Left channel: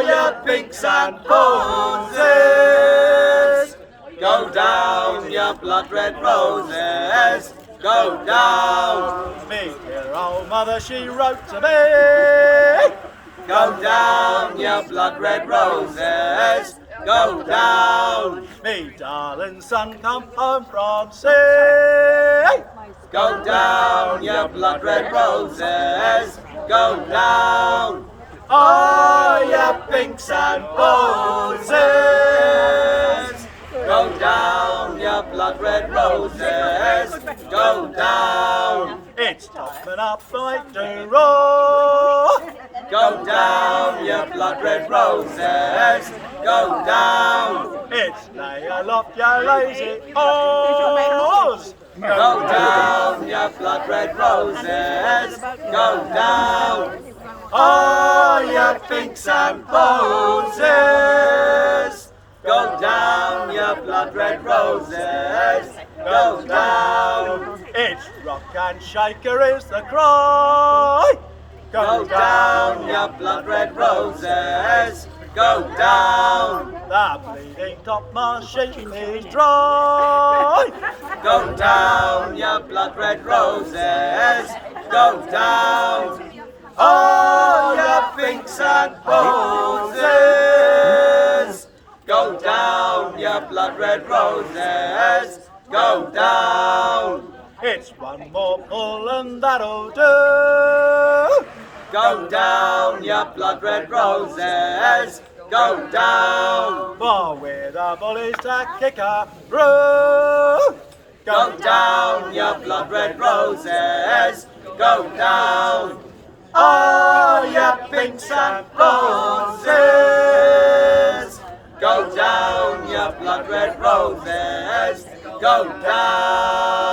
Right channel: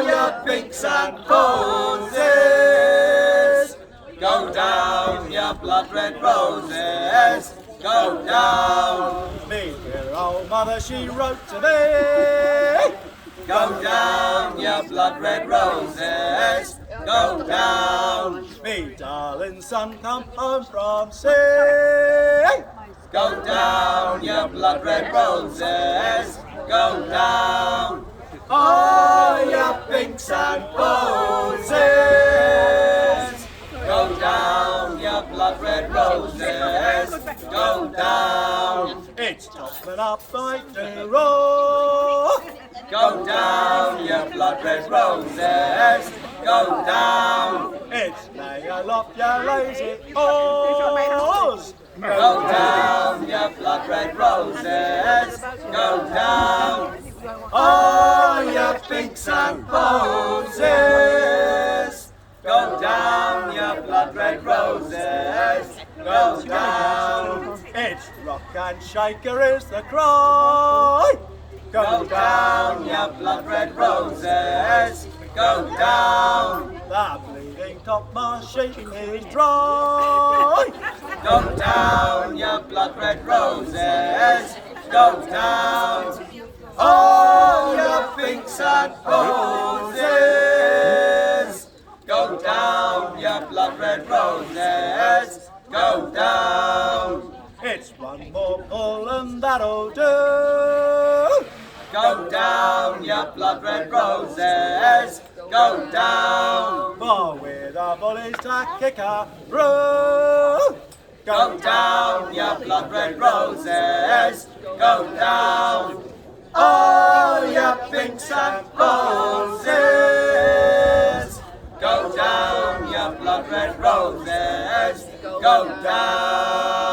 you pinks and posies, go down, you blood red roses, go down. Me dear old mother, she wrote to me, go down, you blood red roses, go down. Me darling son, come home from sea, go down, you blood red roses, go down. Oh, you pinks and posies, go down, you blood red roses, go down. It's topping up like the roar, go down, you blood red roses, go down. It's lay aloft your lazy oars, go down, you blood red roses, go down. Oh, you pinks and posies, go down, you blood red roses, go down. It's rock and shaker is the cry, go down, you blood red roses, go down. The bleeding topmast sheet is dry, go down, you blood red roses, go down. Oh, you pinks and posies, go down, you blood red roses, go down. It's one more pull and that'll do, go down, you blood red roses, go down. For with the bullies to kick her through, go down, you blood red roses, go down. Oh, you pinks and posies, go down, you blood red roses, go down.